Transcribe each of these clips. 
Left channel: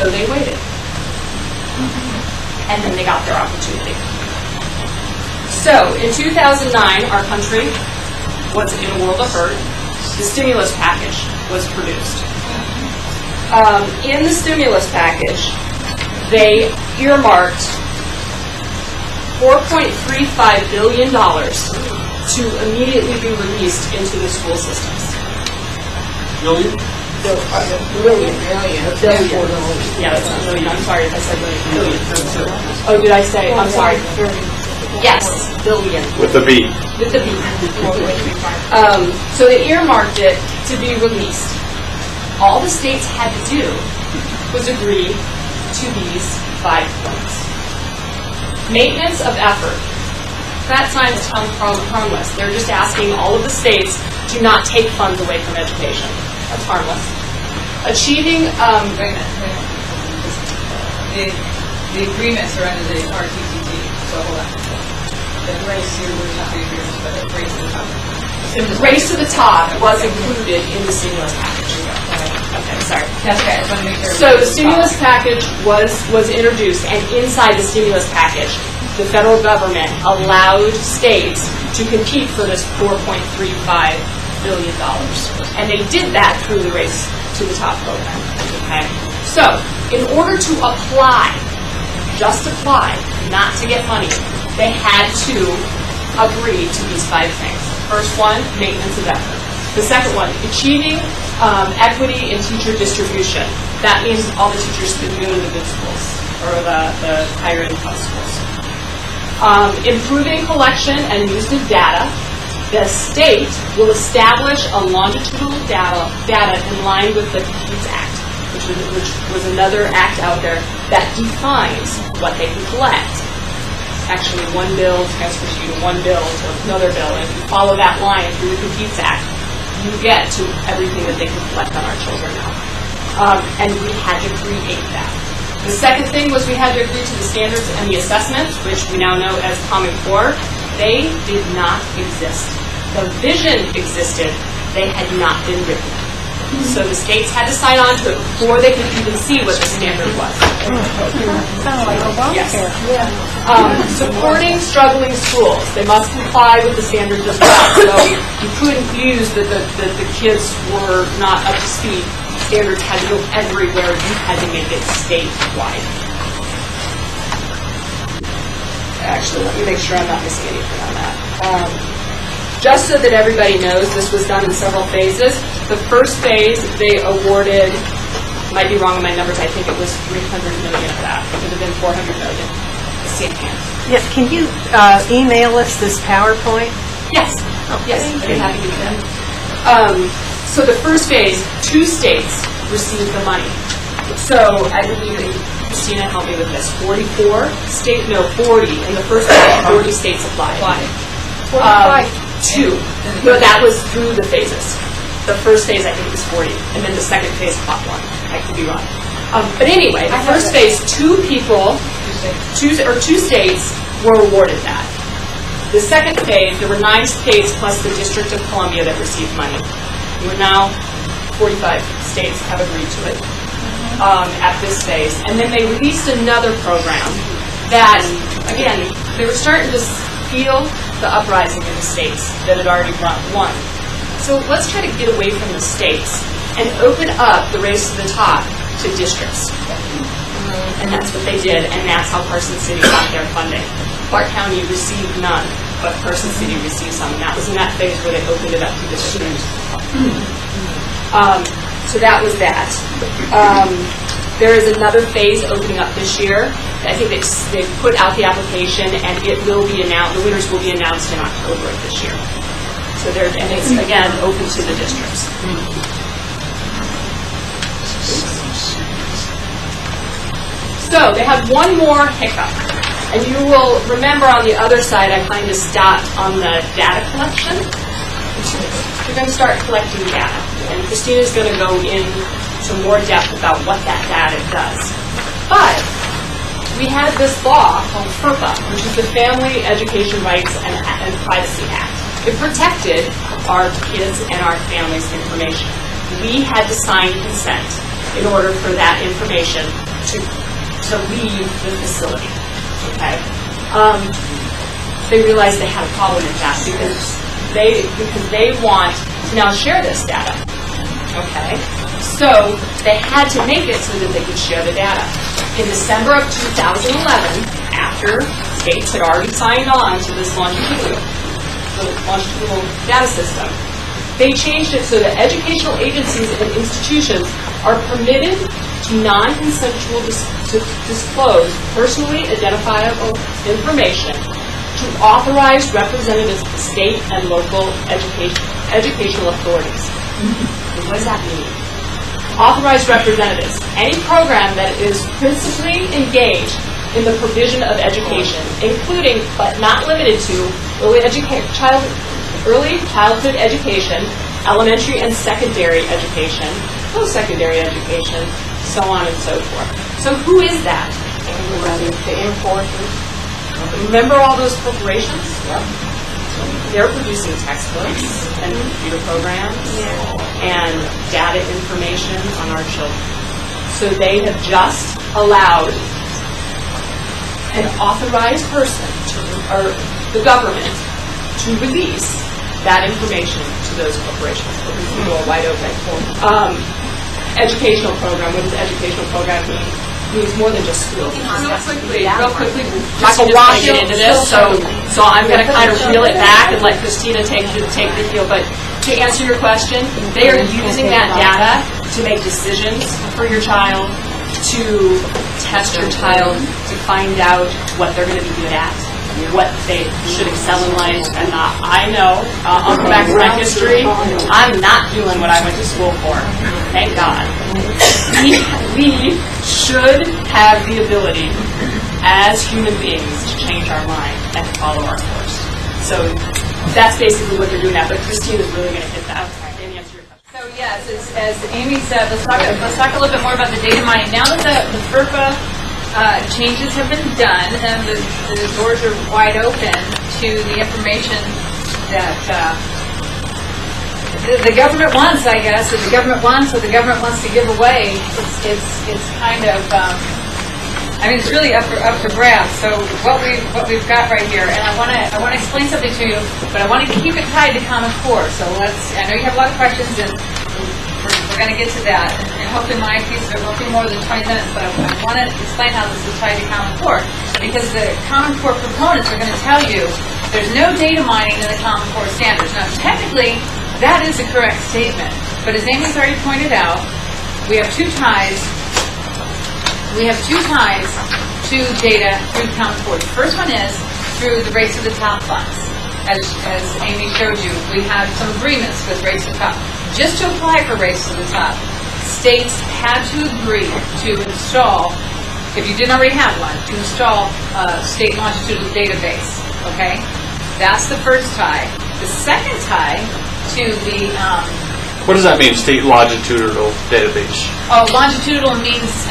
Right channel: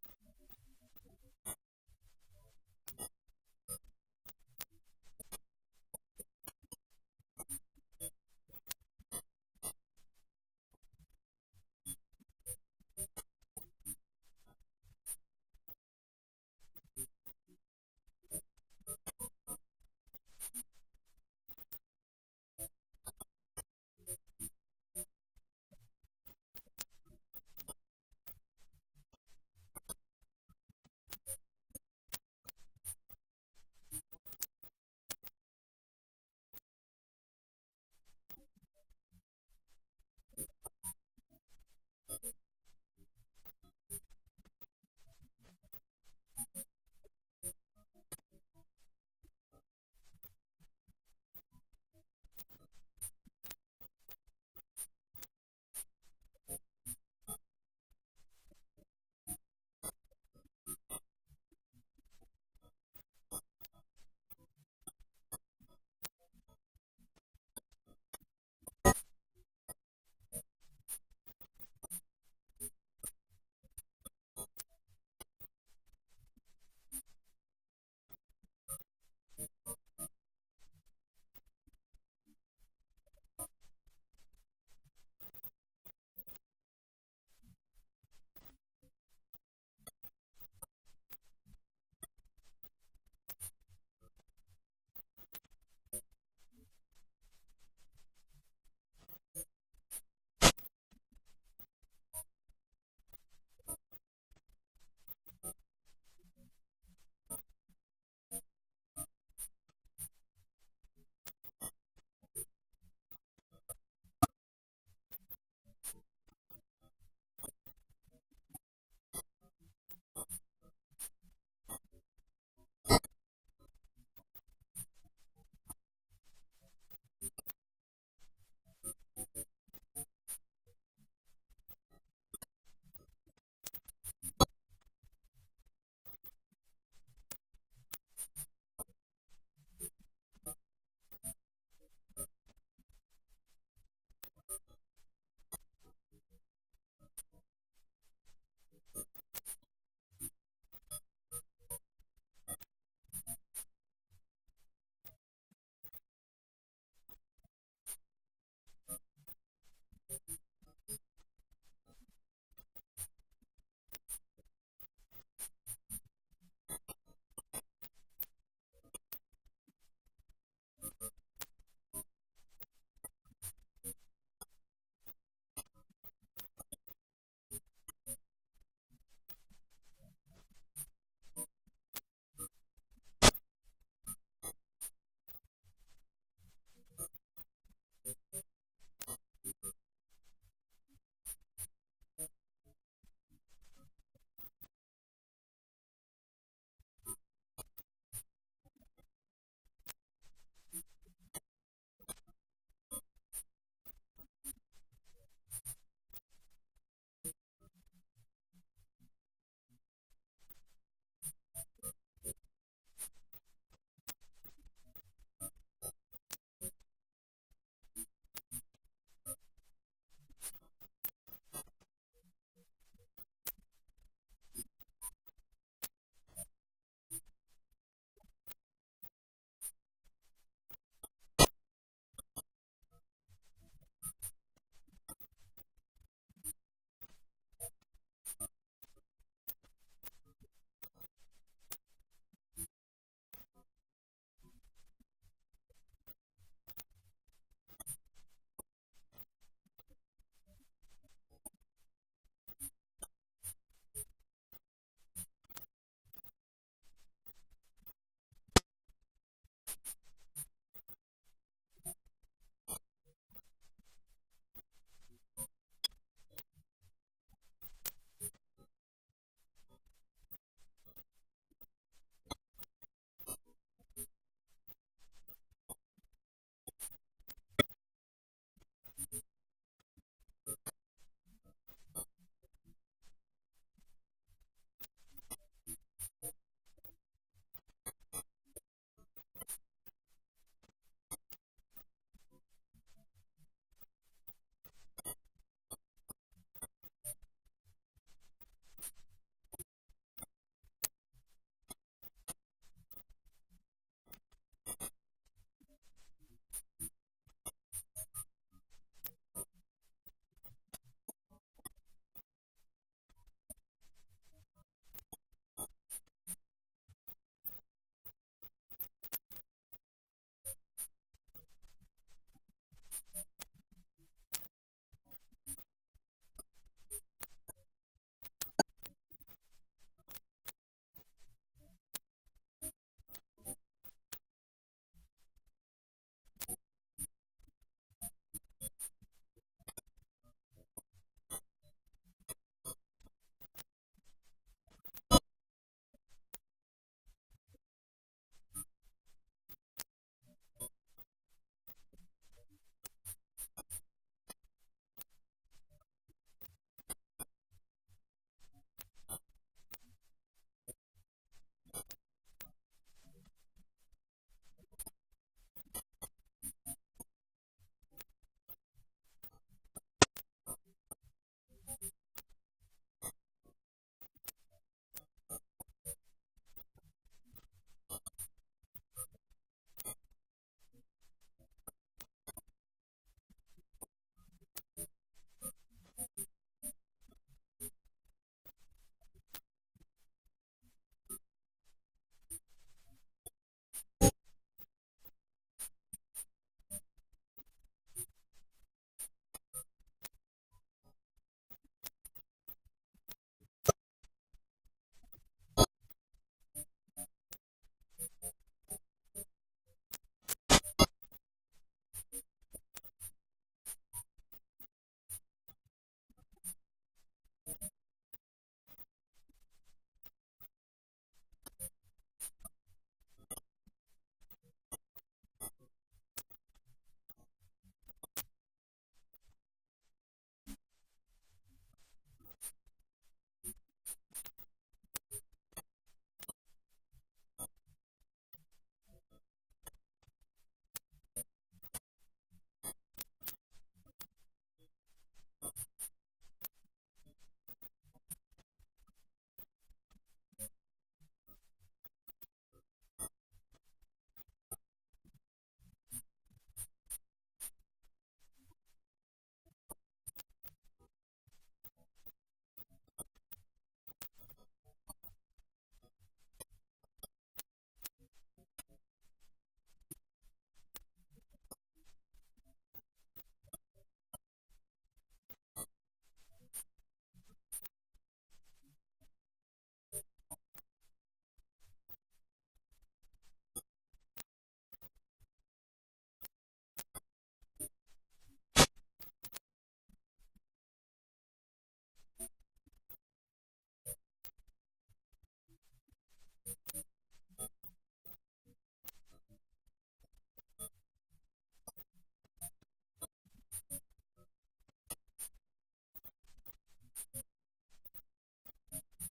So they waited. And then they got their opportunity. So in 2009, our country was in a world of hurt. The stimulus package was produced. In the stimulus package, they earmarked $4.35 billion to immediately be released into the school systems. Billion? Billion. Yeah, that's not million. I'm sorry if I said million. Oh, did I say? I'm sorry. Yes, billion. With the B. With the B. So they earmarked it to be released. All the states had to do was agree to these 5 points. Maintenance of effort. That sounds harmless. They're just asking all of the states to not take funds away from education. That's harmless. Achieving... Wait a minute. The agreements are under the RTTT, so hold on. The race here was not the agreements, but the race to the top. Race to the top was included in the stimulus package. Okay, sorry. That's okay. I just want to make sure. So the stimulus package was introduced, and inside the stimulus package, the federal government allowed states to compete for this $4.35 billion. And they did that through the Race to the Top program. Okay? So, in order to apply, just apply, not to get money, they had to agree to these 5 things. First one, maintenance of effort. The second one, achieving equity in teacher distribution. That means all the teachers can go to the good schools, or the higher income schools. Improving collection and use of data. The state will establish a longitudinal data in line with the Competes Act, which was another act out there that defines what they can collect. Actually, one bill transfers you to one bill to another bill, and if you follow that line through the Competes Act, you get to everything that they can collect on our children now. And we had to create that. The second thing was we had to agree to the standards and the assessments, which we now know as Common Core. They did not exist. The vision existed, they had not been written. So the states had to sign on to it before they could even see what the standard was. Yes. Supporting struggling schools. They must comply with the standards as well. So you couldn't use that the kids were not up to speed. Standards had to go everywhere. You had to make it statewide. Actually, let me make sure I'm not missing anything on that. Just so that everybody knows, this was done in several phases. The first phase, they awarded, might be wrong on my numbers, I think it was $300 million of that. It would have been $400 million. Yeah, can you email us this PowerPoint? Yes. Yes, I'd be happy to do that. So the first phase, 2 states received the money. So I believe that Christina helped me with this. 40 in the first phase, 40 states applied. 2. No, that was through the phases. The first phase, I think it was 40, and then the second phase, +1. I could be wrong. But anyway, the first phase, 2 states were awarded that. The second phase, there were 9 states plus the District of Columbia that received money. We're now 45 states have agreed to it at this phase. And then they released another program that, again, they were starting to feel the uprising in the states that had already won. So let's try to get away from the states and open up the Race to the Top to districts. And that's what they did, and that's how Carson City got their funding. Clark County received none, but Carson City received some, and that was in that phase where they opened it up to districts. So that was that. There is another phase opening up this year. I think they put out the application, and it will be announced. The winners will be announced in October of this year. So and it's again open to the districts. So they have one more hiccup, and you will remember on the other side I kind of stopped on the data collection. We're going to start collecting data, and Christina's going to go into more depth about what that data does. But we had this law called FERPA, which is the Family Education Rights and Privacy Act. It protected our kids and our families' information. We had to sign consent in order for that information to leave the facility. Okay. They realized they had a problem, in fact, because they want to now share this data. Okay. So they had to make it so that they could share the data. In December of 2011, after states had already signed on to this longitudinal data system, they changed it so that educational agencies and institutions are permitted to non-consensual to disclose personally identifiable information to authorized representatives of the state and local educational authorities. What does that mean? Authorized representatives. Any program that is principally engaged in the provision of education, including but not limited to early childhood education, elementary and secondary education, post-secondary education, so on and so forth. So who is that? The enforcers. Remember all those corporations? Yep. They're producing textbooks and computer programs and data information on our children. So they have just allowed an authorized person, or the government, to release that information to those corporations. So we can go wide open. Educational program. What does educational program mean? It means more than just schools. Real quickly, I'm not going to get into this, so I'm going to kind of reel it back and let Christina take the deal. But to answer your question, they are using that data to make decisions for your child, to test your child, to find out what they're going to be good at, what they should excel in life and not. I know, I'll go back to my history, I'm not doing what I went to school for. Thank God. We should have the ability, as human beings, to change our mind and to follow our course. So that's basically what they're doing now, but Christina's really going to hit that. And answer your question. So yes, as Amy said, let's talk a little bit more about the data mining. Now that the FERPA changes have been done and the doors are wide open to the information that the government wants, I guess, or the government wants to give away. It's kind of, it's really up for grabs. So what we've got right here, and I want to explain something to you, but I want to keep it tied to Common Core. So I know you have a lot of questions, and we're going to get to that. And hopefully my piece of it won't be more than 20 minutes, but I want to explain how this is tied to Common Core, because the Common Core proponents are going to tell you there's no data mining in the Common Core standards. Now, technically, that is a correct statement, but as Amy's already pointed out, we have two ties to data through Common Core. The first one is through the Race to the Top funds. As Amy showed you, we have some agreements with Race to the Top. Just to apply for Race to the Top, states had to agree to install, if you didn't already have one, to install a state longitudinal database. Okay? That's the first tie. The second tie to the... what does that mean, state longitudinal database? Oh, longitudinal means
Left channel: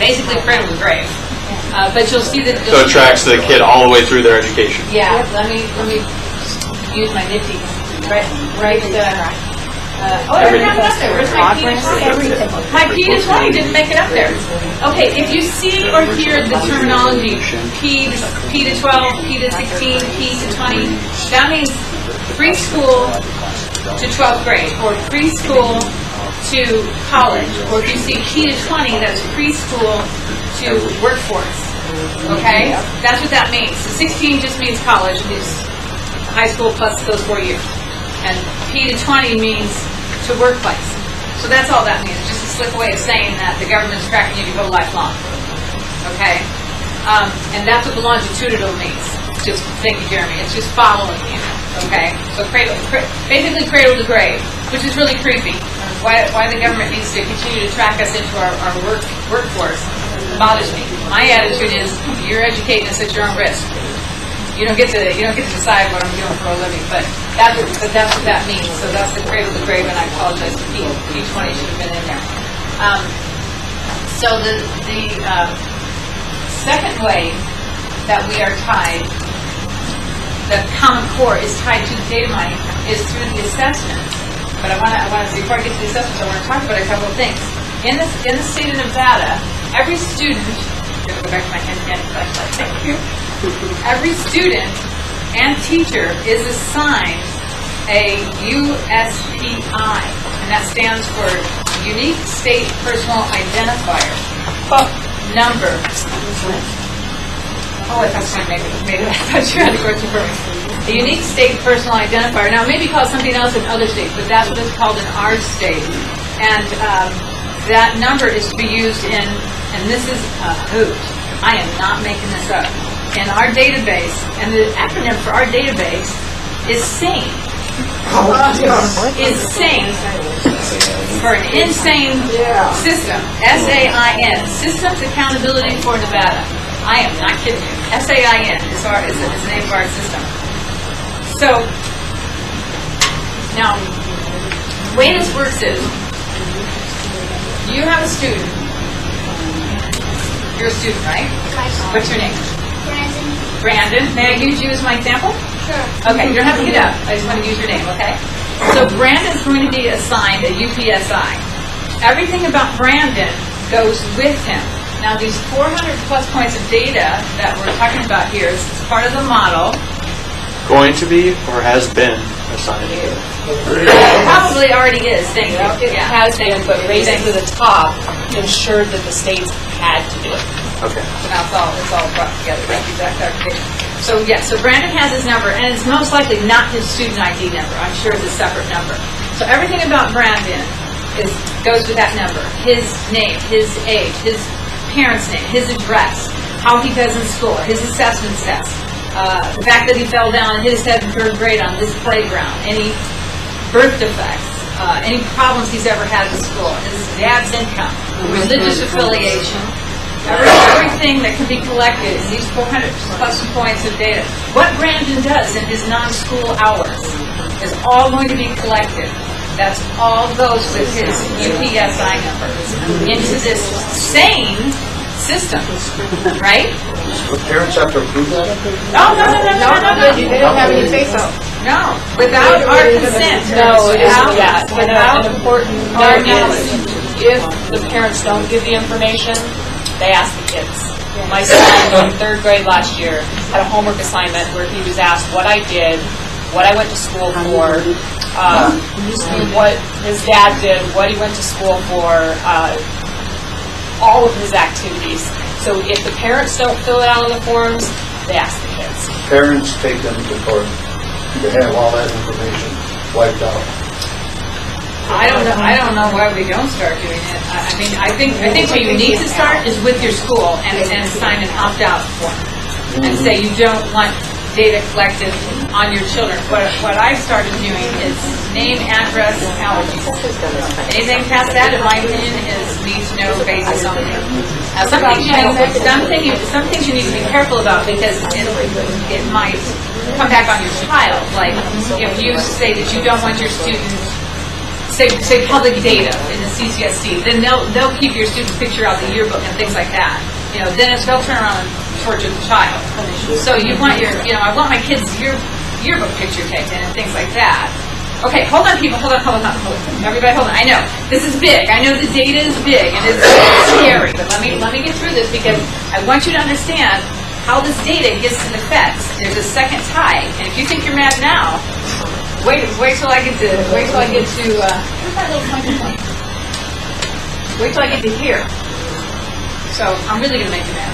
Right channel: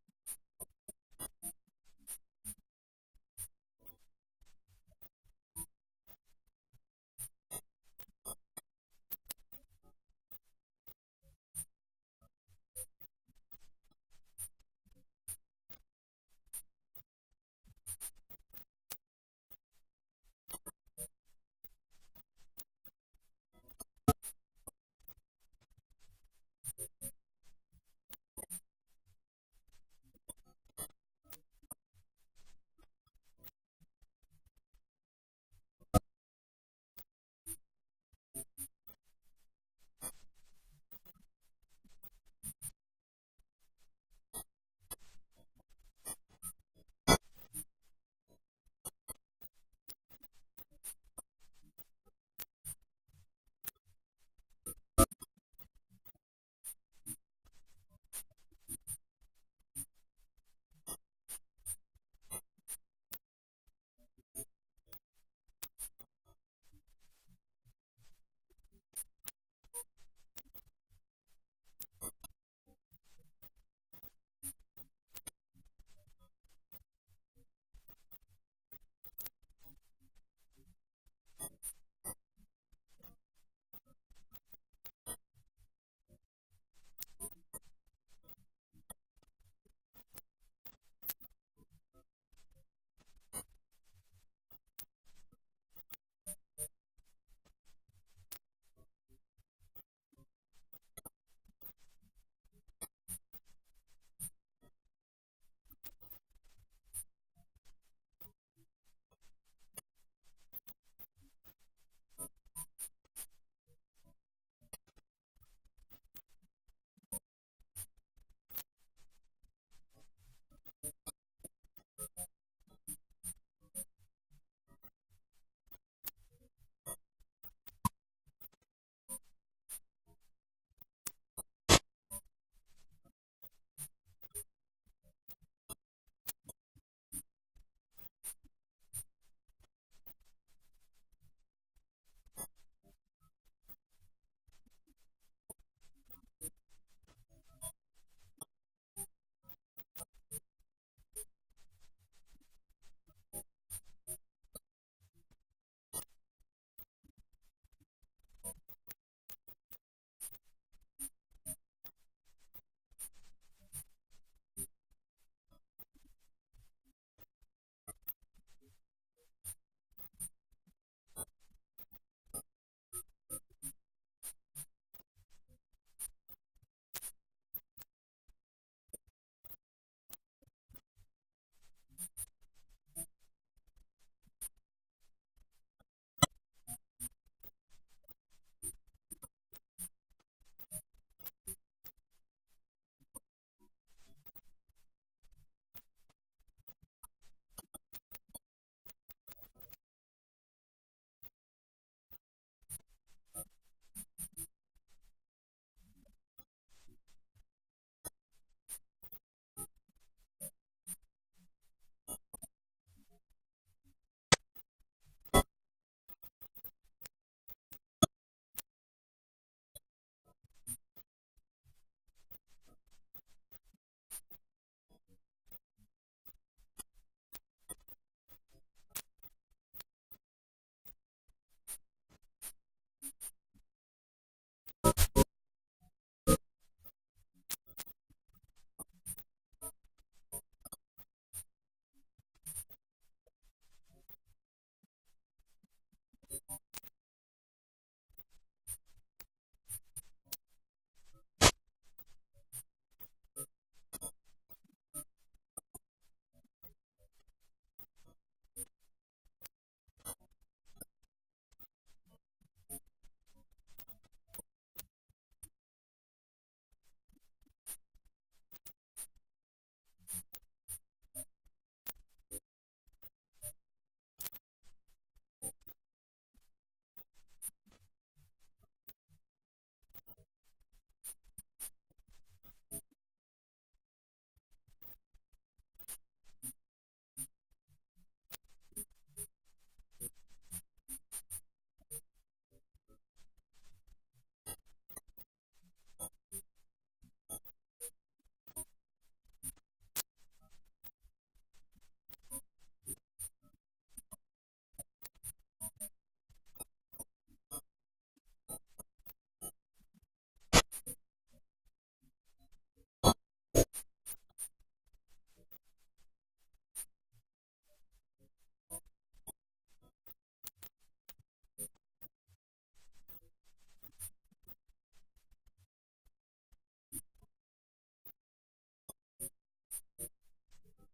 basically cradle to grave. But you'll see that... So it tracks the kid all the way through their education. Yeah, let me use my nifty. Right. I didn't have it up there. Where's my P to 20? My P to 20 didn't make it up there. Okay, if you see or hear the terminology P to 12, P to 16, P to 20, that means preschool to 12th grade, or preschool to college, or if you see P to 20, that's preschool to workforce. Okay? That's what that means. So 16 just means college, means high school plus those 4 years. And P to 20 means to workplace. So that's all that means. Just a slick way of saying that the government's tracking you to go lifelong. Okay? And that's what the longitudinal means. Just, thank you, Jeremy. It's just following you. Okay? So basically cradle to grave, which is really creepy. Why the government needs to continue to track us into our workforce bothers me. My attitude is you're educating us at your own risk. You don't get to decide what I'm doing for a living, but that's what that means. So that's the cradle to grave, and I apologize. P20 should have been in there. So the second way that we are tied, the Common Core is tied to the data mining, is through the assessment. But I want to before I get to the assessments, I want to talk about a couple of things. In the state of Nevada, every student, I'm going to go back to my hand flashlight, thank you. Every student and teacher is assigned a USPI, and that stands for Unique State Personal Identifier number. Oh, I thought maybe I thought you had a question for me. A Unique State Personal Identifier. Now, it may be called something else in other states, but that's what it's called in our state. And that number is to be used in, and this is a hoot. I am not making this up. In our database, and the acronym for our database is SANE. Is SANE for an insane system. SAIN. Systems Accountability for Nevada. I am not kidding you. SAIN is the name of our system. So, now, the way this works is, you have a student. You're a student, right? What's your name? Brandon. May I use you as my example? Sure. Okay, you don't have to get up. I just want to use your name, okay? So Brandon's going to be assigned a UPSI. Everything about Brandon goes with him. Now these 400 plus points of data that we're talking about here is part of the model. Going to be or has been assigned? Probably already is, thank you. It has been, but raised to the top ensured that the states had to do it. Okay. So now it's all brought together, right? Exact clarification. So yeah, so Brandon has his number, and it's most likely not his student ID number. I'm sure it's a separate number. So everything about Brandon goes with that number. His name, his age, his parents' name, his address, how he does in school, his assessment test, the fact that he fell down and hit his head in third grade on this playground, any birth defects, any problems he's ever had in school, his dad's income, religious affiliation, everything that can be collected in these 400 plus points of data. What Brandon does in his non-school hours is all going to be collected. That's all goes with his UPSI number into this sane system, right? Would parents have to approve that? No. They don't have any say-so. No, without our consent. No, it isn't Without- that. Without An important our note knowledge. is, if the parents don't give the information, they ask the kids. My son in third grade last year had a homework assignment where he was asked what I did, what I went to school for, what his dad did, what he went to school for, all of his activities. So if the parents don't fill it out on the forms, they ask the kids. Parents take them to court to have all that information wiped out. I don't know why we don't start doing it. I think where you need to start is with your school and sign an opt-out form and say you don't want data collected on your children. What I've started doing is name, address, and allergies. Anything past that, in my opinion, is need to know basis only. Now, some things you need to be careful about because it might come back on your child. Like if you say that you don't want your students say public data in the CCSD, then they'll keep your student's picture out of the yearbook and things like that. Then they'll turn around and torture the child. So you want I want my kid's yearbook picture taken and things like that. Okay, hold on, people, hold on. Everybody, hold on. I know this is big. I know the data is big and it's scary, but let me get through this because I want you to understand how this data gets to the feds. There's a second tie, and if you think you're mad now. Wait till I get to, where's that little microphone? Wait till I get to here. So, I'm really going to make you mad.